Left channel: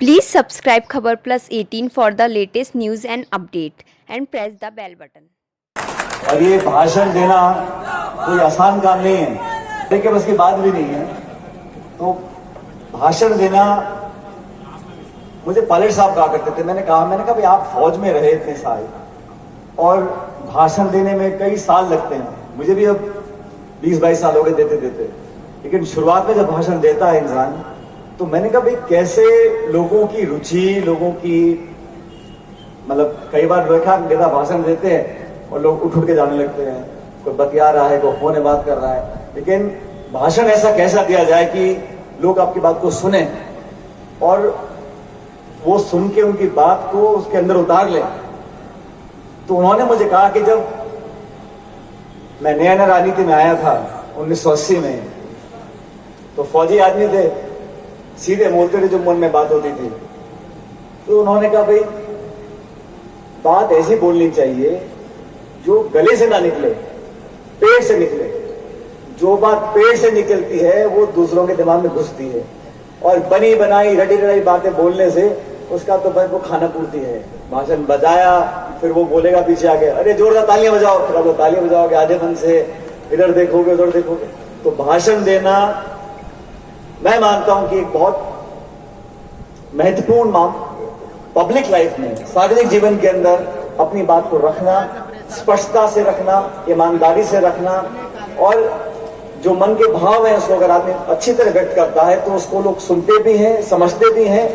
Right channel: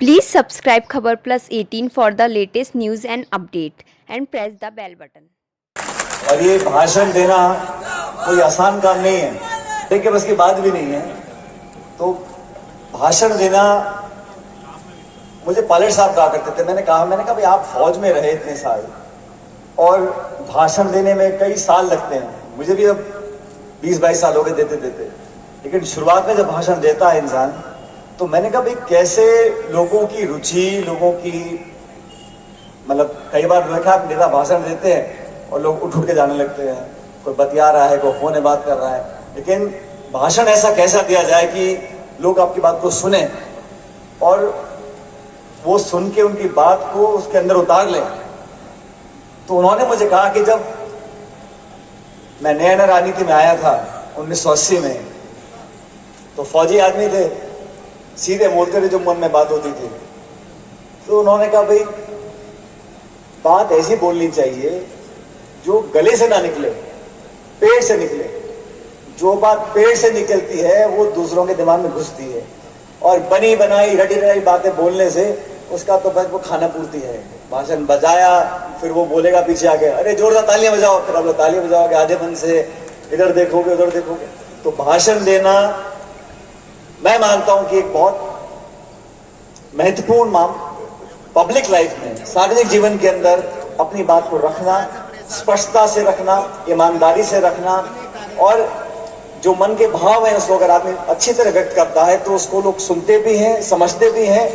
Please subscribe Khabar Plus 18 for the latest news and update and press the bell button. और ये भाषण देना कोई आसान काम नहीं है, देखिए बस की बात भी नहीं है। तो भाषण देना, मुझे पायलट साहब कहा करते थे, मैंने कहा भाई आप फौज में रहे इतने साल और भाषण देने में कई साल लगते हैं, मुझे भी अब 20-22 साल हो गए देते देते, लेकिन शुरुआत में जब भाषण देता है इंसान तो मैंने कहा भाई कैसे लोगों की रुचि, लोगों की मतलब कई बार देखा नेता भाषण देते हैं और लोग उठ के जाने लगते हैं, कोई बतिया रहा है, कोई फोन में बात कर रहा है, लेकिन भाषण ऐसा कैसा दिया जाए कि लोग आपकी बात को सुने और वो सुन के उनकी बात को उसके अंदर उतार ले। तो उन्होंने मुझे कहा कि जब मैं नया राजनीति में आया था 1980 में, तो फौजी आदमी थे, सीधे बोलते थे जो मन में बात होती थी। तो उन्होंने कहा भाई बात ऐसी बोलनी चाहिए जो गले से ना निकले, पेट से निकले। जो बात पेट से निकलती है वो दूसरों के दिमाग में घुसती है, और बनी बनाई रटी रटाई बातें बोलने से उसका तो बस वो खाना पूर्ति है। भाषण बजाया, फिर वो बोलेगा पीछे आके अरे जोरदार तालियां बजाओ, फिर आप तालियां बजाओगे आधे मन से, इधर देखोगे उधर देखोगे। तो भाषण देना मैं मानता हूं कि एक बहुत महत्वपूर्ण पब्लिक लाइफ में, सार्वजनिक जीवन के अंदर अपनी बात को रखना, स्पष्टता से रखना, ईमानदारी से रखना, और जो मन के भाव है उसको अगर आदमी अच्छी तरह व्यक्त करता है तो उसको लोग सुनते भी हैं, समझते भी हैं,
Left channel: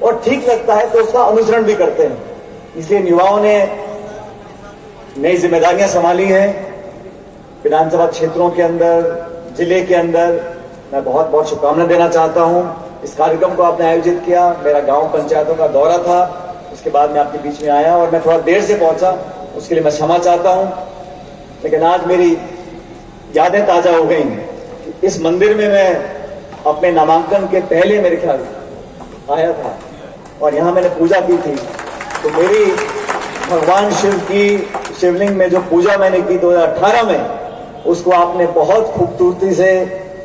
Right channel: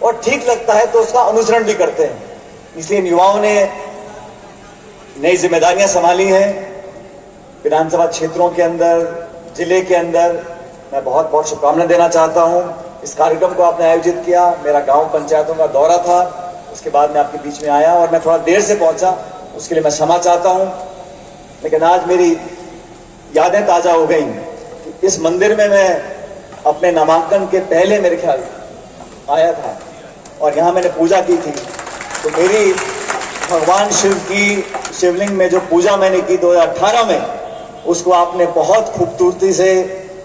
और ठीक लगता है तो उसका अनुसरण भी करते हैं। इसलिए युवाओं ने नई जिम्मेदारियां संभाली हैं विधानसभा क्षेत्रों के अंदर, जिले के अंदर। मैं बहुत बहुत शुभकामनाएं देना चाहता हूं। इस कार्यक्रम को आपने आयोजित किया, मेरा गांव पंचायतों का दौरा था, उसके बाद मैं आपके बीच में आया और मैं थोड़ा देर से पहुंचा, उसके लिए मैं क्षमा चाहता हूं। लेकिन आज मेरी यादें ताजा हो गई। इस मंदिर में मैं अपने नामांकन के पहले मेरे ख्याल आया था और यहाँ मैंने पूजा की थी। तो मेरी भगवान शिव की शिवलिंग में जो पूजा मैंने की 2018 में, उसको आपने बहुत खूबसूरती से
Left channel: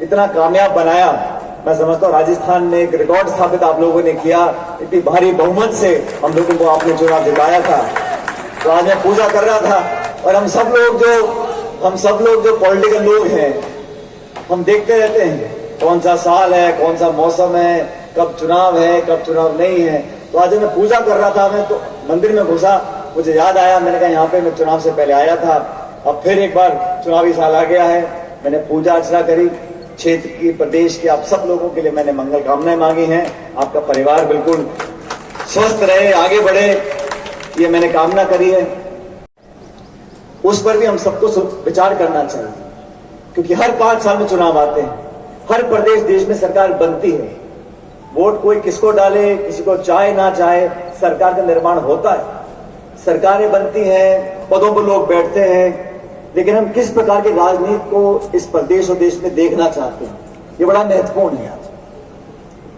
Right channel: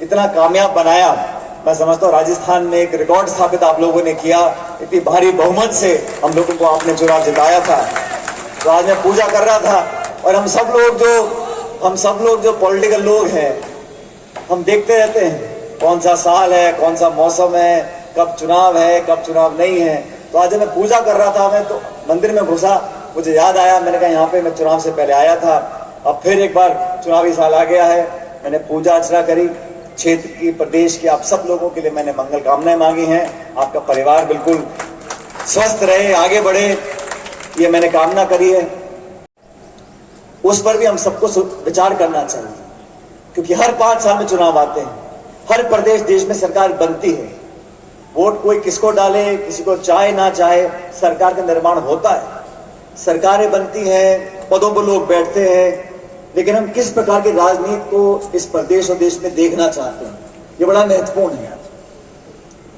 इतना कामयाब बनाया। मैं समझता हूँ राजस्थान में एक रिकॉर्ड स्थापित आप लोगों ने किया, इतनी भारी बहुमत से हम लोगों को आपने चुनाव जिताया था। तो आज मैं पूजा कर रहा था, और हम सब लोग जो पॉलिटिकल लोग हैं, हम देखते रहते हैं कौन सा साल है, कौन सा मौसम है, कब चुनाव है, कब चुनाव नहीं है। तो आज मैं पूजा कर रहा था, मैं तो मंदिर में घुसा, मुझे याद आया, मैंने कहा यहाँ पे मैं चुनाव से पहले आया था, अब फिर एक बार चुनावी साल आ गया है। मैंने पूजा अर्चना करी, क्षेत्र की, प्रदेश के आप सब लोगों के लिए मैंने मंगल कामनाएं मांगी हैं। आपका परिवार बिल्कुल स्वस्थ रहे, आगे बढ़े, ये मैंने कामना करी है। उस पर भी हम सबको विचार करना चाहिए, क्योंकि हर 5 साल में चुनाव आते हैं, हर प्रदेश देश में सरकार बनती है। वोट कोई किसको डाले, किसी को चाहे ना चाहे, सरकार का निर्माण होता है, सरकारें बनती हैं, पदों पर लोग बैठते हैं। लेकिन हम किस प्रकार की राजनीति को इस प्रदेश और देश में देखना चाहते हैं, ये बड़ा महत्वपूर्ण है।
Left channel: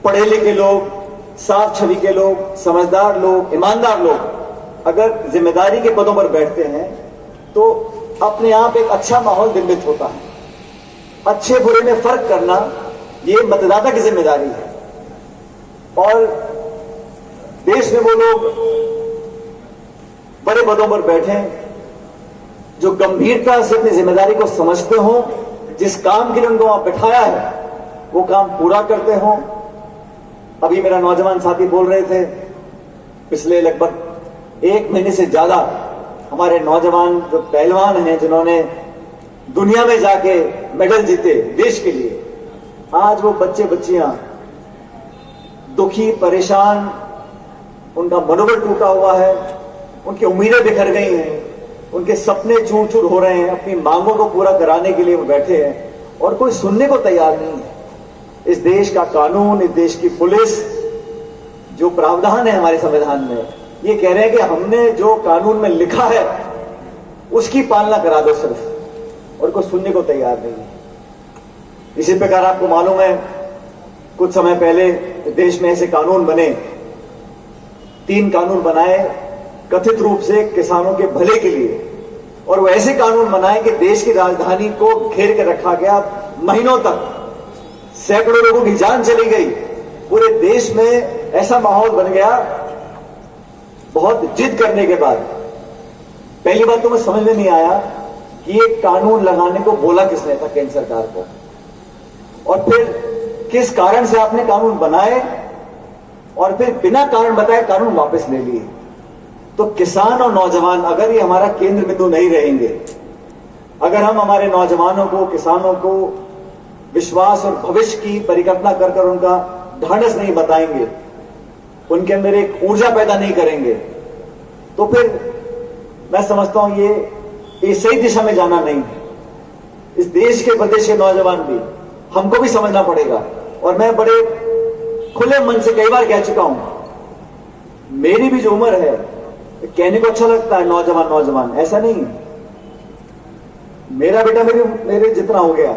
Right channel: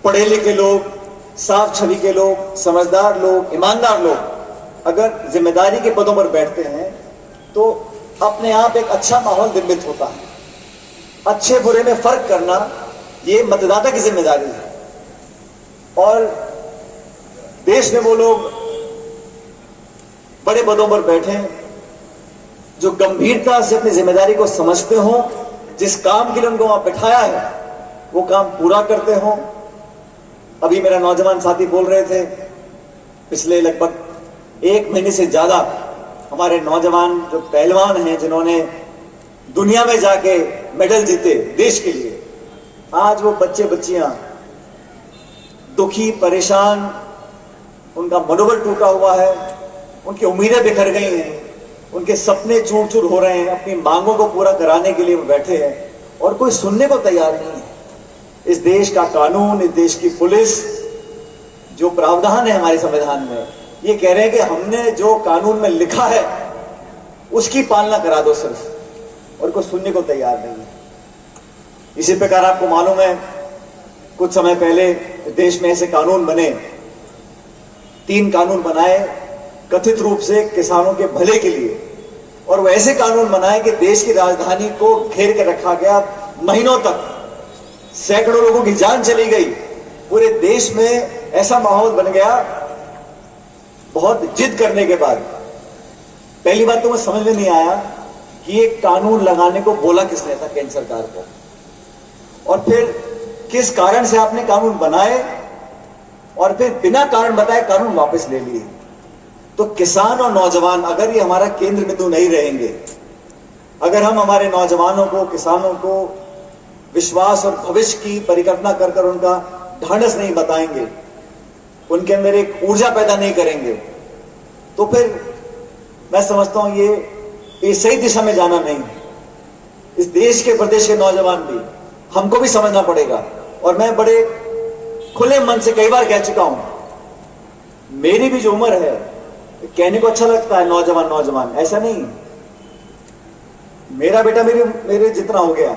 पढ़े लिखे लोग, साफ छवि के लोग, समझदार लोग, ईमानदार लोग अगर जिम्मेदारी के पदों पर बैठते हैं तो अपने आप एक अच्छा माहौल निर्मित होता है। अच्छे बुरे में फर्क करना ये मतदाता की जिम्मेदारी है, और देश में वो लोग बड़े पदों पर बैठे जो गंभीरता से अपनी जिम्मेदारी को समझते हों, जिस काम के लिए उनको वहां बैठाया है वो काम पूरा करते हों। अभी मेरा नौजवान साथी बोल रहे थे, पिछले लगभग 1 महीने से ज्यादा हमारे नौजवान जो पहलवान हैं, जिन्होंने दुनिया में जाके मेडल जीते देश के लिए, आज वो बच्चे बच्चियां दुखी, परेशान, उनका मनोबल टूटा हुआ है, उनकी उम्मीदें बिखर गई हैं, उनके सपने चूर चूर हो रहे हैं, अपनी मांगों को पूरा कराने के लिए वो बैठे हैं और कोई सुनने को तैयार नहीं है। इस देश का कानून, इस देश की पुलिस, जो प्रावधान है हमारे संविधान में, ये कह रहे हैं कि हमने जो कानून में लिखा है उसकी पालना करा दो सिर्फ, और कोई सुनने को तैयार नहीं है। इसी प्रकार आपको मालूम है कुछ समय पहले देश में ऐसे कानून बने, 3 कानून बनाए कथित रूप से किसानों के भले के लिए, और वो ऐसे कानून बनाए कि देश की राजधानी को घेर कर रखा गया महीनों तक, सैकड़ों लोगों की जान चली गई, पूरे देश में ऐसा माहौल बन गया बहुत जिद करने के बाद। पहली बात तो मुझे समझ में नहीं आया कि ये कानून लगाने को बोला किसने था केंद्र सरकार को, और फिर किस कारण से आपने कानून बनाए और फिर बिना कारण बताए कानून वापस ले लिए। तो किसान और नौजवान अगर ये हमारा केंद्र बिंदु नहीं रहेंगे, अगर हम हमारे नौजवानों को, किसानों को विश्वास और भविष्य की परिकल्पना कर कर उनका ढांढस नहीं बताएंगे, उनके अंदर एक ऊर्जा पैदा नहीं करेंगे, तो फिर मैं समझता हूं ये सही दिशा में जाना नहीं है। इस देश के, प्रदेश के नौजवान भी, हमको भी समझना पड़ेगा। और मैं बड़े खुले मन से कई बार कह चुका हूं, मेरी भी जो उम्र है, कहने को अच्छा लगता है नौजवान नौजवान, ऐसा नहीं है। मेरा बेटा मेरे जितना हो गया,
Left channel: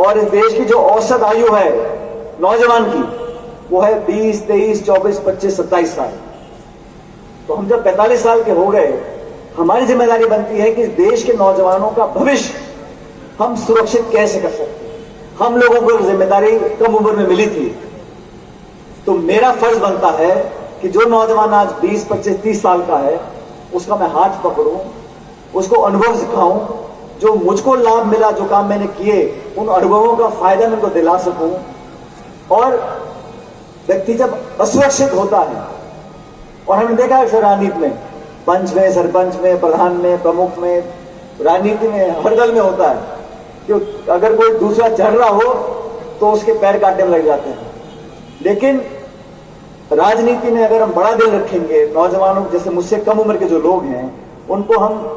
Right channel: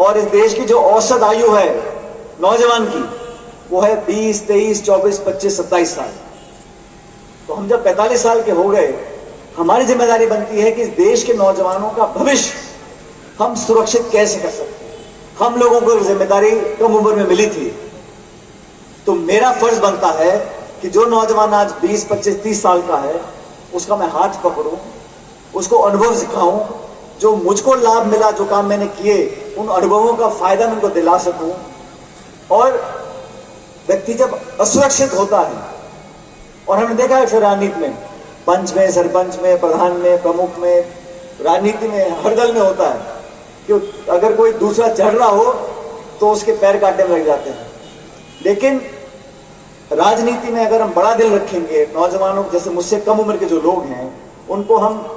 और इस देश की जो औसत आयु है नौजवान की, वो है 20, 23, 24, 25, 27 साल। तो हम जब 45 साल के हो गए, हमारी जिम्मेदारी बनती है कि इस देश के नौजवानों का भविष्य हम सुरक्षित कैसे कर सकते हैं। हम लोगों को जिम्मेदारी कम उम्र में मिली थी, तो मेरा फर्ज बनता है कि जो नौजवान आज 20, 25, 30 साल का है, उसका मैं हाथ पकड़ूं, उसको अनुभव सिखाऊं, जो मुझको लाभ मिला, जो काम मैंने किए, उन अनुभवों का फायदा मैं उनको दिला सकूं। और व्यक्ति जब असुरक्षित होता है, और हमने देखा है राजनीति में, पंच में, सरपंच में, प्रधान में, प्रमुख में, राजनीति में, हर दल में होता है कि अगर कोई दूसरा चढ़ रहा हो तो उसके पैर काटने लग जाते हैं। लेकिन राजनीति में अगर हम बड़ा दिल रखेंगे, नौजवानों जैसे मुझसे कम उम्र के जो लोग हैं, उनको हम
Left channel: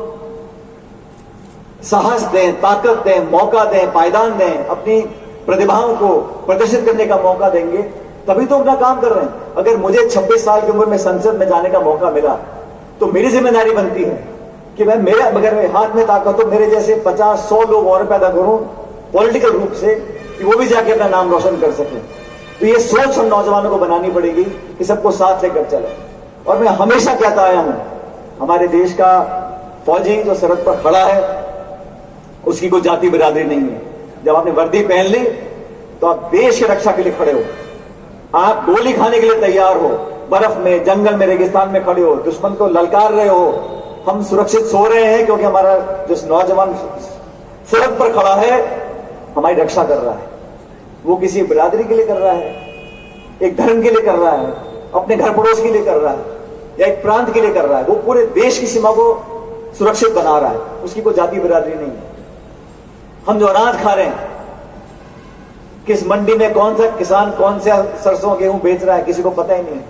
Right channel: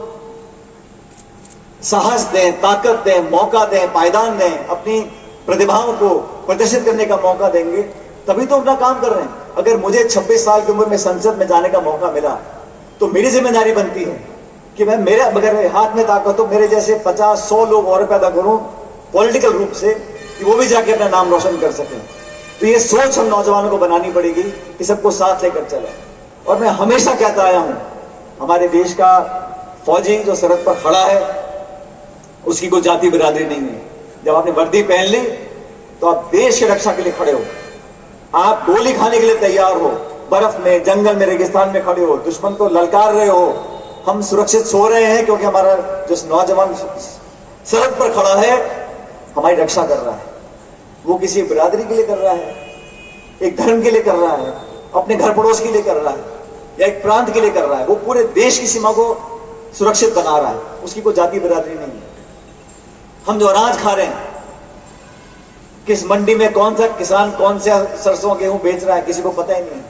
साहस दें, ताकत दें, मौका दें, पायदान दें, अपनी प्रतिभाओं को प्रदर्शित करने का मौका देंगे, तभी तो अपना काम कर रहे हैं। अगर मुझे 26 साल की उम्र में संसद में जाने का मौका मिला, तो मेरी जिम्मेदारी बनती है कि मैं, मेरे अगर हाथ में ताकत हो, मेरे जैसे 50-100 लोग और पैदा करूं पॉलिटिकल रूप से, कि वो भी जाके अपना नाम रोशन कर सकें। तो ये सोच हम नौजवानों को बनानी पड़ेगी कि सबको साथ लेकर चले। और मैं हमेशा कहता आया हूं, हमारे देश का फौजी जो सरहद पर खड़ा है, उसकी कोई जाति बिरादरी नहीं है। जब आपने वर्दी पहन ली तो आप देश की रक्षा के लिए खड़े हो, आप गोली खाने के लिए तैयार हो, बर्फ में, जंगल में, रेगिस्तान में खड़े हो, दुश्मन को ललकार रहे हो। हम सुरक्षित सो रहे हैं क्योंकि हमारा जो नौजवान सरहद पर खड़ा है हमारी रक्षा कर रहा है। वो किसी बिरादरी के लिए कर रहा है, एक धर्म के लिए कर रहा है, अपने घर पड़ोस के लिए कर रहा है, या एक प्रांत के लिए कर रहा है, वो पूरे देश की सीमा को सुरक्षित बना रहा है। उसकी कोई जाति बिरादरी नहीं है। हम जो अनाज खा रहे हैं, किस मंडी में कौन सा किसान कौन सा सरसों गेहूं बेच रहा है, किसी को पता ही नहीं।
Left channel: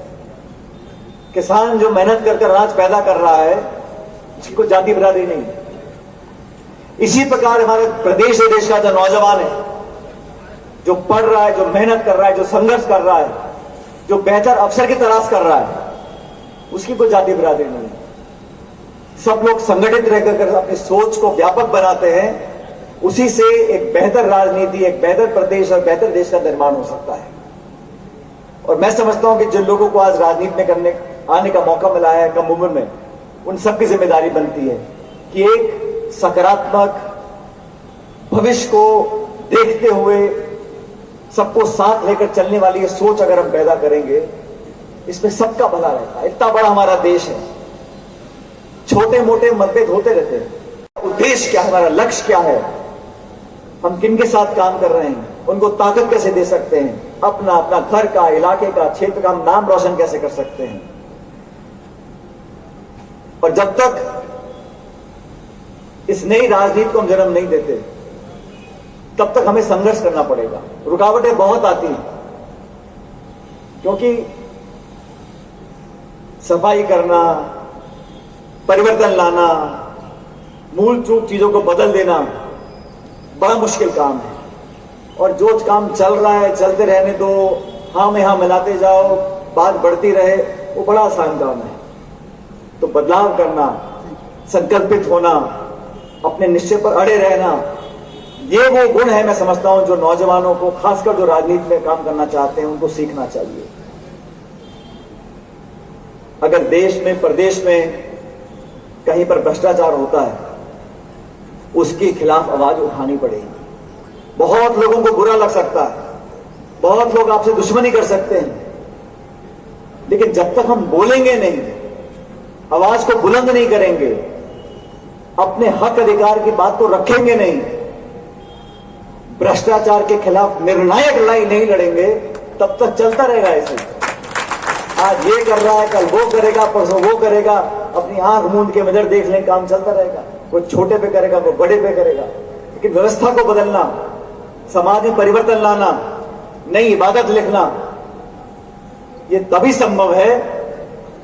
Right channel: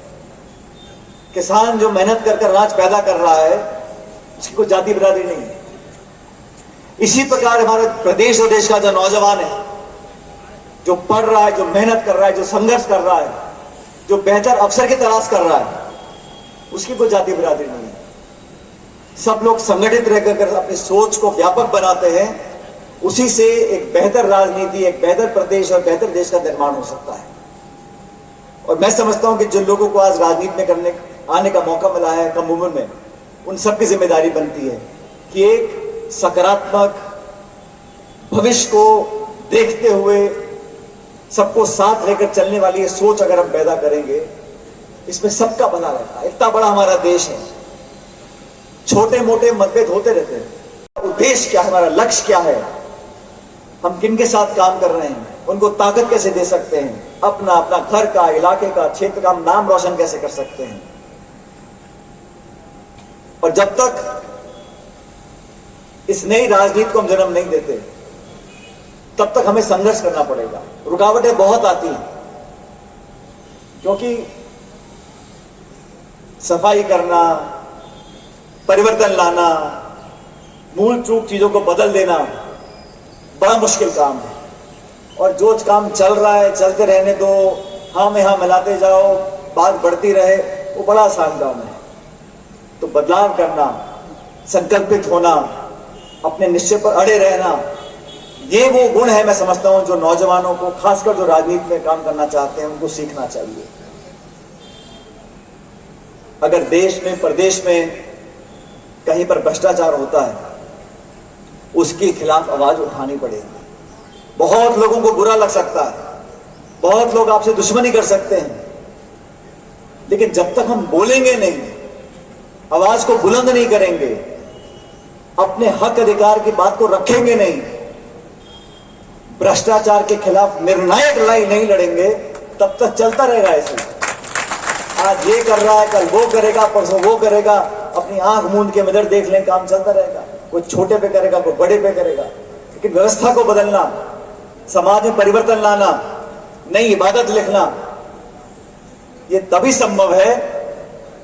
किसान जो मेहनत कर अनाज पैदा कर रहा है, उसकी कोई जाति बिरादरी नहीं है। इसी प्रकार हमारे प्रदेश और देश का जो नौजवान है, जो पढ़ रहा है, जो मेहनत कर रहा है, जो संघर्ष कर रहा है, जो बेहतर अवसर की तलाश कर रहा है, उसकी कोई जाति बिरादरी नहीं है। सब लोग संगठित रहकर अपनी सोच को व्यापक बनाते हैं, उसी से एक बेहतर राजनीति, एक बेहतर प्रदेश और बेहतर देश का निर्माण हो सकता है। और मैं समझता हूं कि जिन लोगों को आज राजनीति में आने का मौका मिला है कम उम्र में, उन सबकी जिम्मेदारी बनती है कि एक सकारात्मक भविष्य को देखते हुए सबको साथ लेकर चलने वाली सोच अगर हम पैदा करेंगे, इसमें सबका भला रहता है। इतना बड़ा हमारा देश है, छोटे मोटे मतभेद होते रहते हैं। उद्देश्य क्या है, हमारा लक्ष्य क्या है, हम किन के साथ काम कर रहे हैं, उनको ताकत कैसे दे सकते हैं, अपना अपना घर का, इलाके का, क्षेत्र का हम नाम रोशन कैसे कर सकते हैं। और जब तक इस नई राजनीति को हम जन्म नहीं देते, तब तक हमें संघर्ष करना पड़ेगा। रुकावटें बहुत आती हैं, क्योंकि सफाई करना, परिवर्तन लाना, मूल चूक चीजों को बदल देना बड़ा मुश्किल काम है। और जो काम चल रहा है चलते रहने दो, हाँ में हाँ मिलाते जाओ, बात बढ़ती रहे, वो बड़ा आसान काम है। तो बदलाव करना, संकल्पित होना, अपने निश्चय पर अड़े रहना, ये वो गुण है मैं समझता हूं जो नौजवानों को, खासकर जो राजनीति में काम करना चाहते हैं, उनको सीखना चाहिए। अगर देश में, प्रदेश में कहीं पर भ्रष्टाचार होता है, उसके खिलाफ आवाज उठानी पड़ेगी। बहुत लोगों को बुरा लग सकता है, बहुत लोग आपसे दुश्मनी कर सकते हैं, लेकिन जब तक हम बोलेंगे नहीं, आवाज को बुलंद नहीं करेंगे, अपने हक अधिकार की बात को रखेंगे नहीं, भ्रष्टाचार के खिलाफ निर्णायक लड़ाई नहीं लड़ेंगे, तब तक चलता रहेगा ऐसे। आज ये कर रहा है, कल वो करेगा, परसों वो करेगा, अपनी आंख मूंद के मिरर देख लें, काम चलता रहेगा। कोई छोटे पे करेगा, कोई बड़े पे करेगा। लेकिन व्यवस्था को बदलना, समाज में परिवर्तन लाना, नई इबादत लिखना, ये तभी संभव है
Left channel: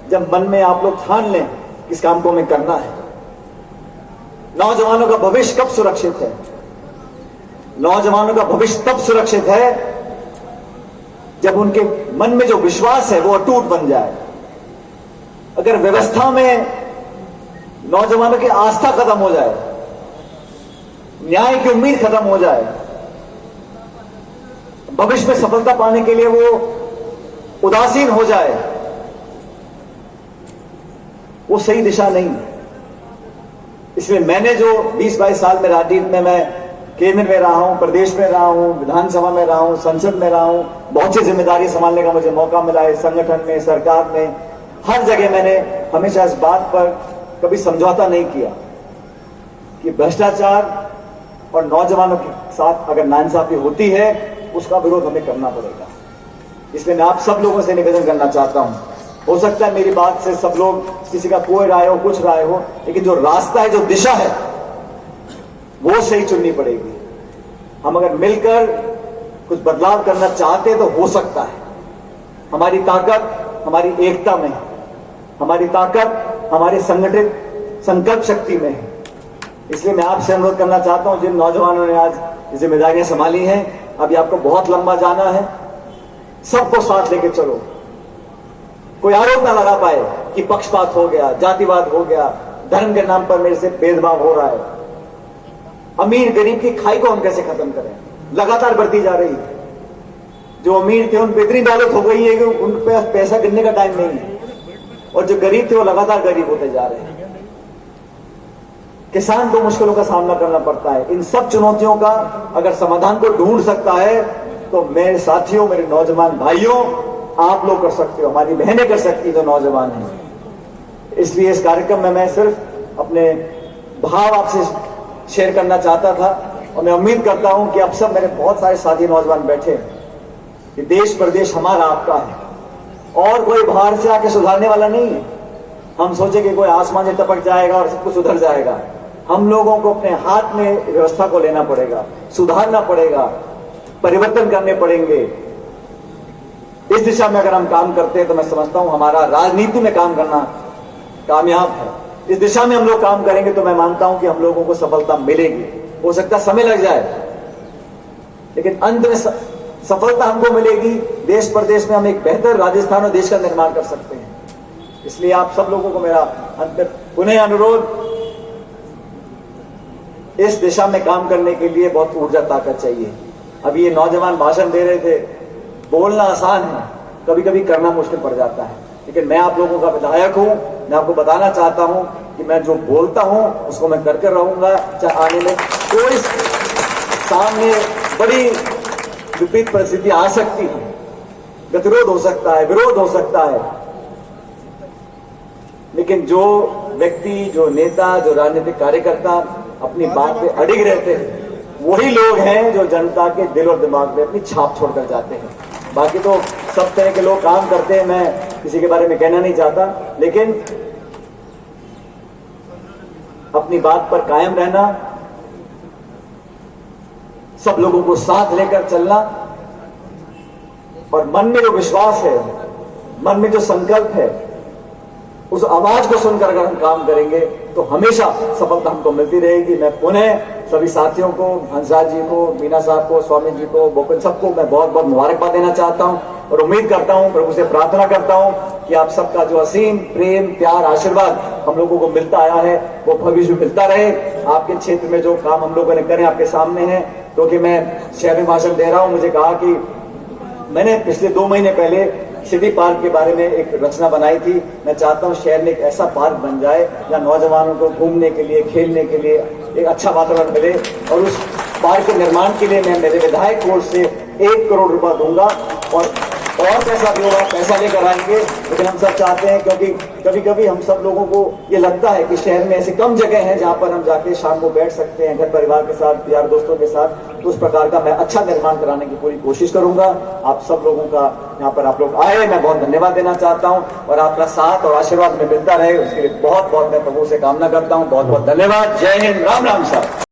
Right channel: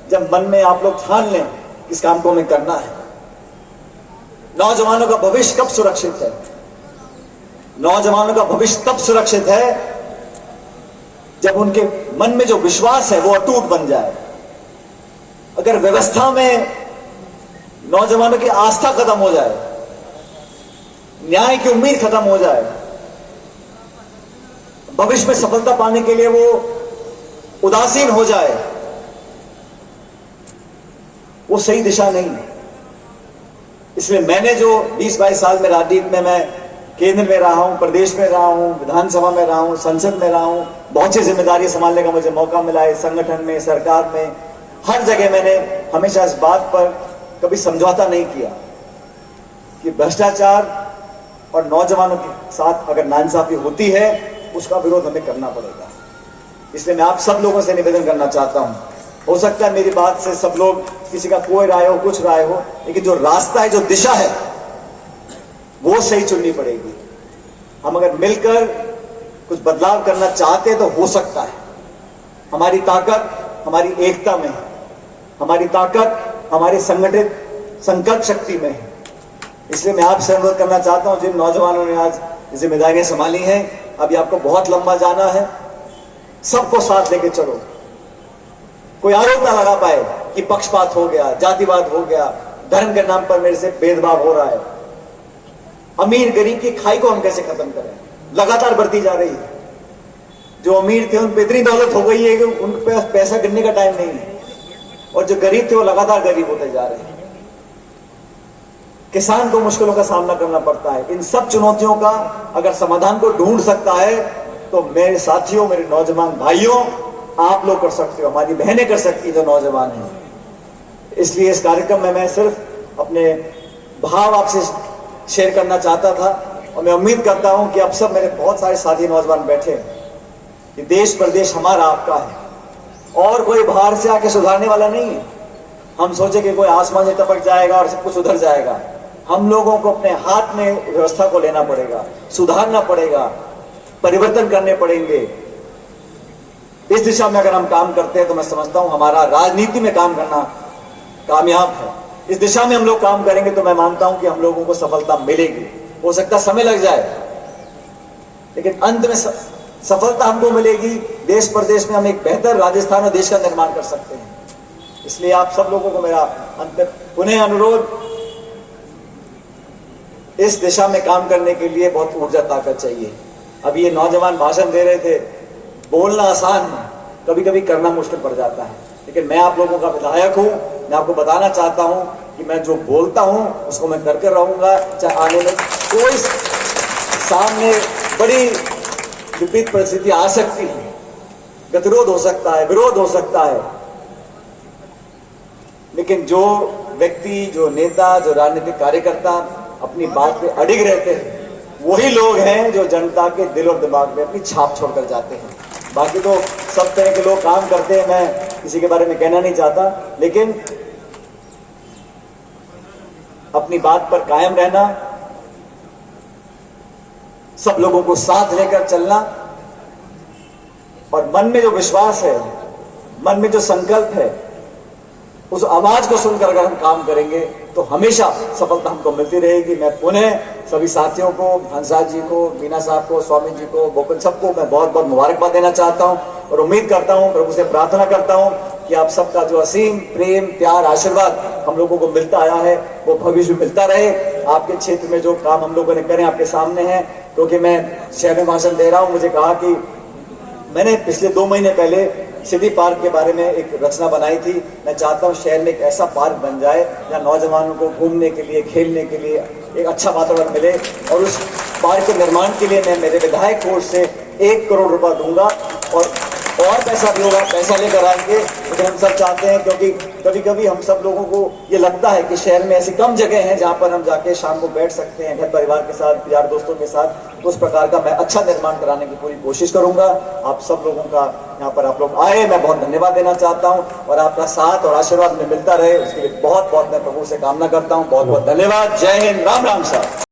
जब मन में आप लोग ठान लें इस काम को हमें करना है। नौजवानों का भविष्य कब सुरक्षित है? नौजवानों का भविष्य तब सुरक्षित है जब उनके मन में जो विश्वास है वो अटूट बन जाए। अगर व्यवस्था में नौजवानों की आस्था खत्म हो जाए, न्याय की उम्मीद खत्म हो जाए, भविष्य में सफलता पाने के लिए वो उदासीन हो जाए, वो सही दिशा नहीं है। इसलिए मैंने जो 20-22 साल में राजनीति में मैं केंद्र में रहा हूं, प्रदेश में रहा हूं, विधानसभा में रहा हूं, संसद में रहा हूं, बहुत सी जिम्मेदारी संभालने का मुझे मौका मिला है, संगठन में, सरकार में, हर जगह मैंने हमेशा इस बात पर कभी समझौता नहीं किया कि भ्रष्टाचार और नौजवानों के साथ अगर नाइंसाफी होती है उसका विरोध हमें करना पड़ेगा। इसलिए मैं आप सब लोगों से निवेदन करना चाहता हूं, हो सकता है मेरी बात से सब लोग, किसी का कोई राय हो, कुछ राय हो, लेकिन जो रास्ता है, जो दिशा है, वो सही चुननी पड़ेगी। हम अगर मिलकर कुछ बदलाव करना चाहते हैं तो हो सकता है। हमारी ताकत हमारी एकता में है, हमारी ताकत हमारी संगठित संकल्प शक्ति में है। इसलिए मैं आपसे अनुरोध करना चाहता हूं, जिन नौजवानों ने आज जिम्मेदारियां संभाली हैं, अभी आपको बहुत लंबा जाना है, सबको साथ लेके चलो। कोई आरोप ना लगा पाए कि पक्षपात हो गया, जातिवाद हो गया, धर्म के नाम पर मेरे से भेदभाव हो रहा है। अमीर गरीब की खाई को हम कैसे खत्म करें? लगातार बढ़ती जा रही है। जो अमीर थे उन पर इतनी दौलत हो गई है कि उन पर पैसा गिनने का टाइम नहीं है, और जो गरीब थे वो लगातार गरीब होते जा रहे हैं। किसान को मुश्किलों का सामना करना पड़ता है। इन सब चुनौतियों का अगर समाधान को ढूंढ सकता है तो मेरे साथियों, मेरे नौजवान भाइयों, आप लोग कर सकते हो, हमारी बहनें कर सकती है जो नौजवान हैं। इसलिए इस कार्यक्रम में मैं सिर्फ अपने भाव आपसे शेयर करना चाहता था, और मैं उम्मीद करता हूं कि अब सब मेरे बहुत सारे साथी नौजवान बैठे हैं कि देश प्रदेश हमारा आपका है, और कोई बाहर से आके सुधारने वाला नहीं है। हम सोचे कि कोई आसमान से टपक जाएगा और सब कुछ सुधर जाएगा। हम लोगों को अपने हाथ में व्यवस्था को लेना पड़ेगा, सुधारना पड़ेगा, परिवर्तन करने पड़ेंगे। इस दिशा में अगर हम काम करते हैं तो मैं समझता हूं हमारा राजनीति में काम करना कामयाब है। इस दिशा में हम लोग काम करेंगे तो मैं मानता हूं कि हम लोगों को सफलता मिलेगी। हो सकता समय लग जाए, लेकिन अंत में सफलता हमको मिलेगी। देश प्रदेश में हम एक बेहतर राजस्थान और देश का निर्माण कर सकते हैं। इसलिए आप सब लोगों को मेरा अंत में पुनः अनुरोध, इस दिशा में काम करने के लिए बहुत ऊर्जा ताकत चाहिए। अभी ये नौजवान भाषण दे रहे थे, बोलना आसान है, कभी कभी करना मुश्किल पड़ जाता है। लेकिन मैं आप लोगों का विधायक हूं, मैं आपको बताना चाहता हूं कि मैं जो बोलता हूं उसको मैं कर रहूंगा, चाहे आने में कोई सामने बड़ी विपरीत परिस्थिति आ सकती है, गतिरोध हो सकता है, विरोध हो सकता है, लेकिन जो व्यक्ति, जो नेता, जो राजनीतिक कार्यकर्ता अपनी बात पे अडिग रहते हैं, वही लोग हैं जो जनता के दिल और दिमाग में अपनी छाप छोड़कर जाते हैं। बाकी तो सब तरह के लोग काम करते हैं, मैं किसी के बारे में कहना नहीं चाहता, लेकिन अपनी बात पर कायम रहना, सब लोगों को साथ लेकर चलना, और मन में जो विश्वास है, मन में जो संकल्प है, उस आवाज को सुनकर अगर हम काम करेंगे तो हमेशा सफलता हमको मिलती रहेगी। मैं पुनः सभी साथियों को, हंसराज जी को, मीना साहब को, स्वामी जी को, बोकन सबको मैं बहुत बहुत मुबारकबाद देना चाहता हूं, और उम्मीद करता हूं, प्रभु से प्रार्थना करता हूं कि आप सबका जो असीम प्रेम, प्यार, आशीर्वाद हम लोगों को मिलता आया है वो भविष्य में मिलता रहे। आपके क्षेत्र में जो काम हम लोगों ने करे आपके सामने है, क्योंकि मैं शहर में भाषण दे रहा हूं, मुझे कहा कि मैंने पिछले 2 महीने पहले सिटी पार्क के बारे में एक रचना बनाई थी। मैं चाहता हूं शहर में एक ऐसा पार्क बन जाए जहां नौजवानों को घूमने के लिए, खेलने के लिए एक अच्छा वातावरण मिले, और उस पार्क के निर्माण के लिए मैं मेरे विधायक कोष से 1 करोड़ रुपया दूंगा, और और पैसा भी होगा, पैसा लेकर आएंगे। लेकिन हम सब चाहते हैं, क्योंकि कभी कभी हम सब लोगों को ये लगता है कि शहर में ऐसी कम जगह है जहां पर हम जाके शाम को बैठ सकते हैं घर परिवार के साथ, यार दोस्तों के साथ। तो उस प्रकार का मैं अच्छा निर्माण कराने की पूरी कोशिश करूंगा। आप सब लोगों का यहाँ पर आप लोग आए, मैं बहुत धन्यवाद देना चाहता हूँ और आपका साथ और आशीर्वाद में मिलता रहे, उसके लिए बहुत बहुत मैं प्रभु से कामना करता हूँ। बहुत बहुत धन्यवाद। जय हिंद, राम राम सर।